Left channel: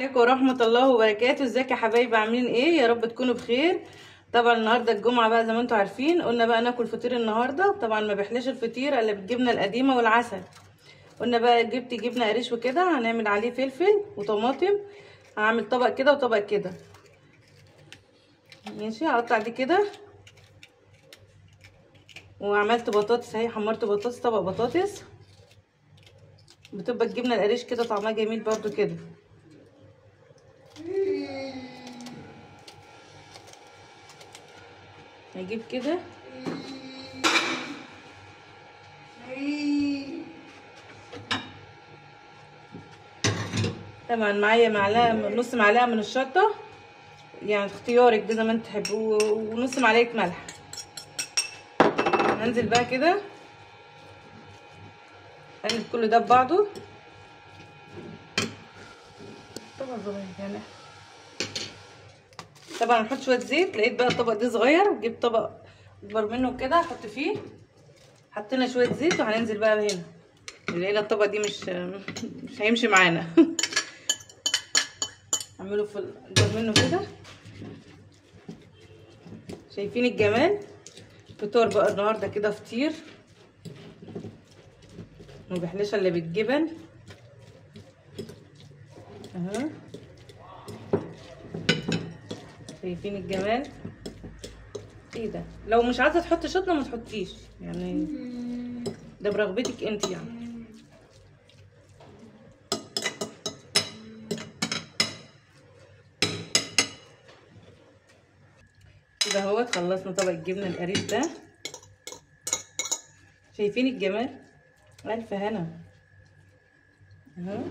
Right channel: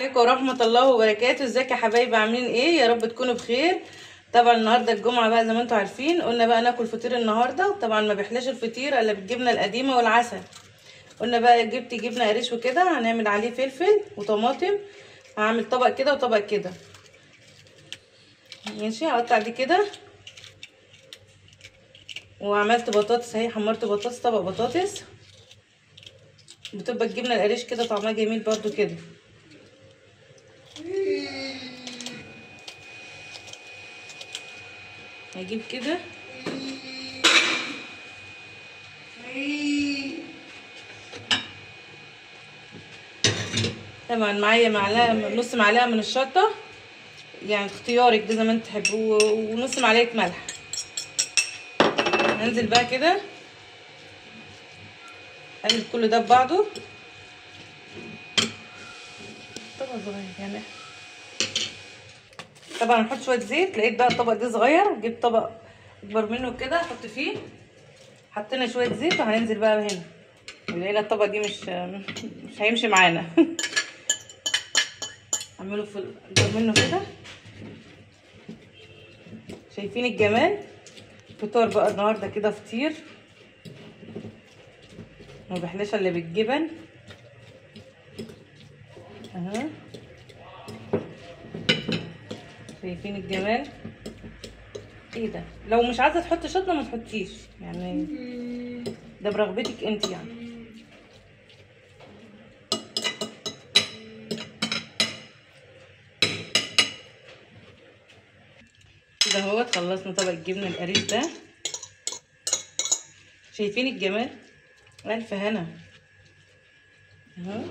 عليكم ورحمة الله وبركاته. ازيك يا حبايبي؟ عاملين ايه؟ يا رب تكونوا بخير. طبعا النهارده الجمعة بقى زي ما انتم عارفين، قلنا بقى ناكل فطير النهارده. طبعا ما بيحلاش الفطير الا بالجبنة القديمة والعسل. قلنا بقى جبت جبنة قريش وكده، هنعمل عليه فلفل وطماطم. هعمل طبق كده وطبق كده. ماشي، هقطع دي كده. وعملت بطاطس اهي، حمرت بطاطس، طبق بطاطس. بتبقى الجبنة القريش كده طعمها جميل برضو كده. هجيب كده طبعا معايا معلقه، نص معلقه من الشطه، يعني اختيارك ده زي ما انت تحبوا، ونص معلقه ملح. هنزل بقى كده اقلب كل ده ببعضه. طبق صغير يعني. طبعا هنحط شويه زيت. لقيت بقى الطبق ده صغير، جبت طبق اكبر منه كده احط فيه. حطينا شويه زيت وهننزل بقى هنا. لقينا الطبق دي مش هيمشي معانا. اعمله في اكبر منه كده. شايفين الجمال؟ فطار بقى النهارده كده، فطير ما بيحلاش الا بالجبن اهو. شايفين الجمال؟ ايه ده؟ لو مش عايزه تحطي شطه ما تحطيش، يعني ده برغبتك انت يعني. كده اهوت خلصنا طبق الجبنه القريش ده. شايفين الجمال؟ الف هنا اهو.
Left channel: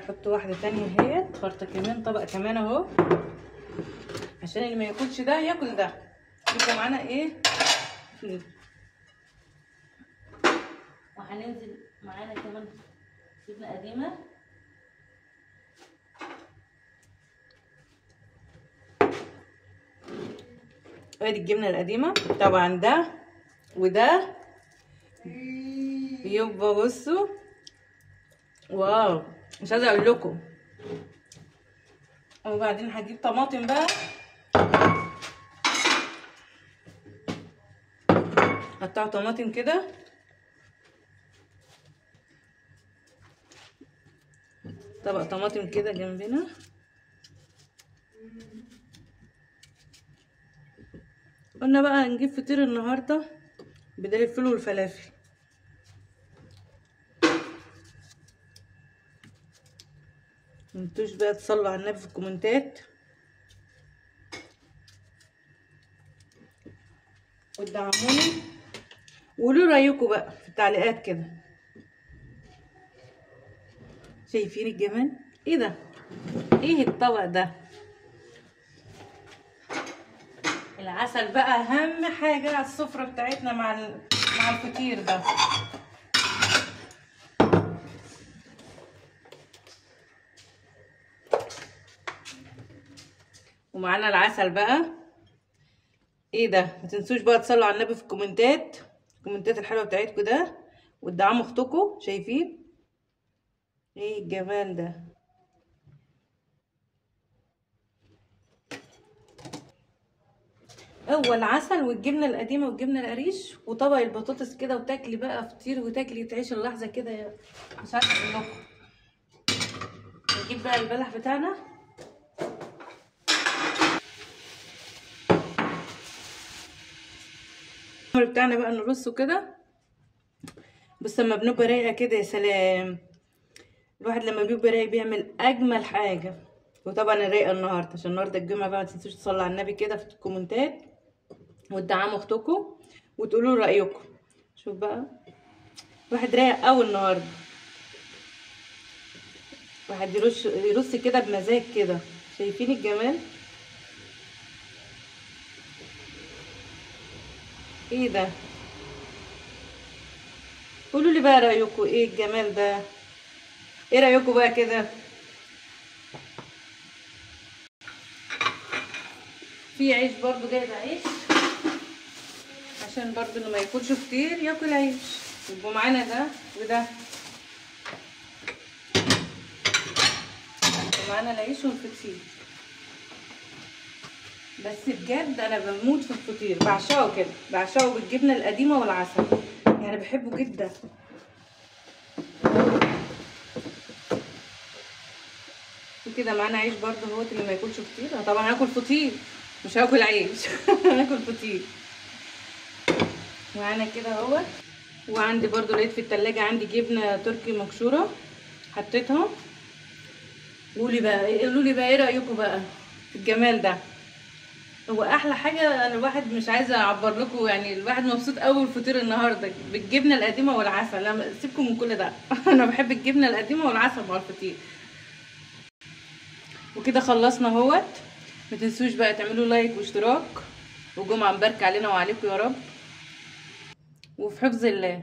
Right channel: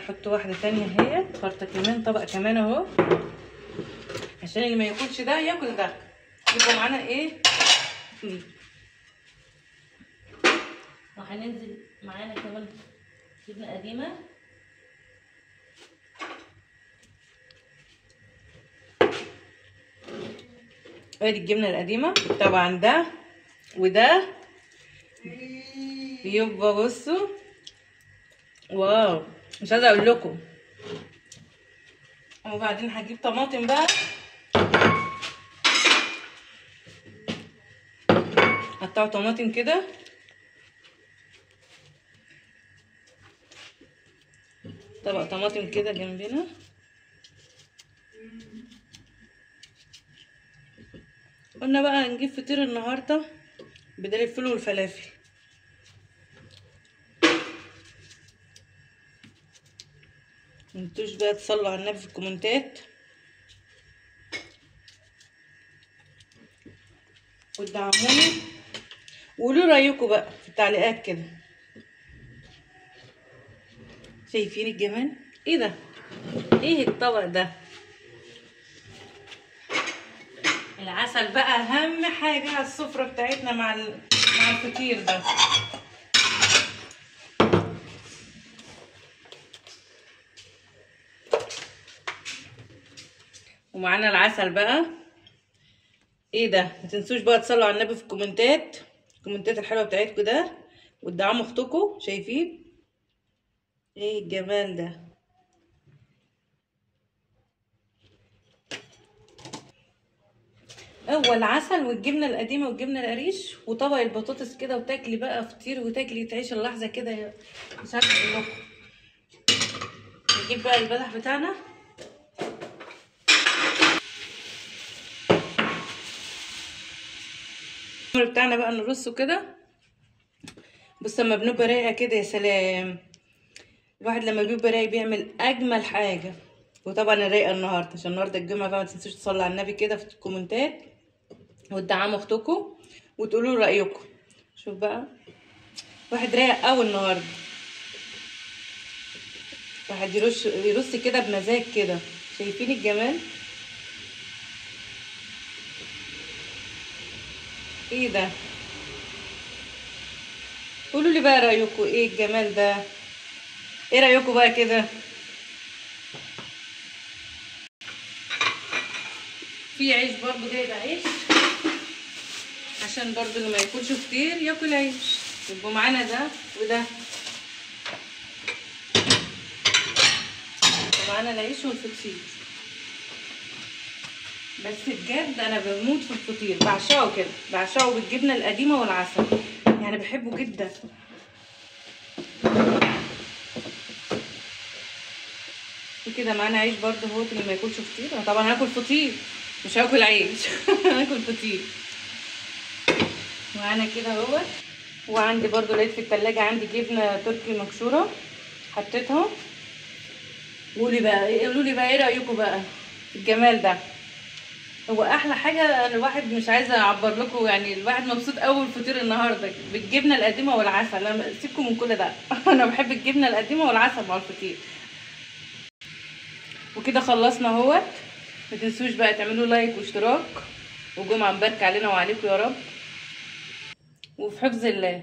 نحط واحده تانية اهي، فرطه كمان، طبق كمان اهو، عشان اللي ما ياكلش ده ياكل ده، يبقى معانا ايه فيه. وهننزل معانا كمان جبنه قديمه. ادي الجبنه القديمه. طبعا ده وده بيبقى بصوا واو، مش عايزه اقول لكم. وبعدين هجيب طماطم بقى، قطعوا طماطم كده. طبق طماطم كده جنبنا. قلنا بقى هنجيب فطير النهارده بدل الفول والفلافل. متنسوش بقى تصلوا على النبي في الكومنتات، وتدعموني، وقولوا رايكم بقى في التعليقات كده. شايفين الجمال؟ ايه ده؟ ايه الطبق ده؟ العسل بقى اهم حاجه على السفره بتاعتنا مع الفطير ده. ومعانا العسل بقى. ايه ده؟ متنسوش بقى تصلوا على النبي في الكومنتات الحلوه بتاعتكم ده، وتدعموا اختكم. شايفين ايه الجمال ده؟ هو العسل والجبنه القديمه والجبنه القريش وطبق البطاطس كده، وتاكلي بقى فطير وتاكلي تعيش اللحظه كده. مش عارفه اقول لكم. نجيب بقى البلح بتاعنا. بتاعنا بقى نرصه كده. بس لما بنبقى رايقه كده يا سلام، الواحد لما بيبقى رايق بيعمل اجمل حاجه. وطبعا الرايقه النهارده عشان النهارده الجمعه بقى، ما تنسوش تصلوا على النبي كده في الكومنتات، وتدعموا اختكم، وتقولوا رايكم. شوف بقى، واحد رايق قوي النهارده. واحد يرص كده بمزاج كده. شايفين الجمال؟ ايه ده؟ قولوا لي بقى رايكم ايه الجمال ده؟ ايه رايكم بقى كده؟ في عيش برضو، جايبه عيش عشان برضو اللي ما ياكلش كتير ياكل عيش. يبقوا معانا ده وده، ومعانا العيش والفطير. بس بجد انا بموت في الفطير، بعشقه كده، بعشقه بالجبنه القديمه والعسل، يعني بحبه جدا. وكده معانا عيش برضه اهوت، اللي ما ياكلش فطير. انا طبعا هاكل فطير مش هاكل عيش هاكل فطير. معانا كده اهوت. وعندي برضه لقيت في التلاجة عندي جبنه تركي مبشوره، حطيتها. قولوا لي بقى ايه رايكم بقى في الجمال ده؟ هو احلى حاجه. الواحد مش عايزه اعبر لكم، يعني الواحد مبسوط قوي الفطير النهارده بالجبنه القديمه والعسل. انا سيبكم من كل ده انا بحب الجبنه القديمه والعسل مع الفطير. وكده خلصنا اهوت. ما تنسوش بقى تعملوا لايك واشتراك، وجمعه مباركه علينا وعليكم يا رب، وفي حفظ الله.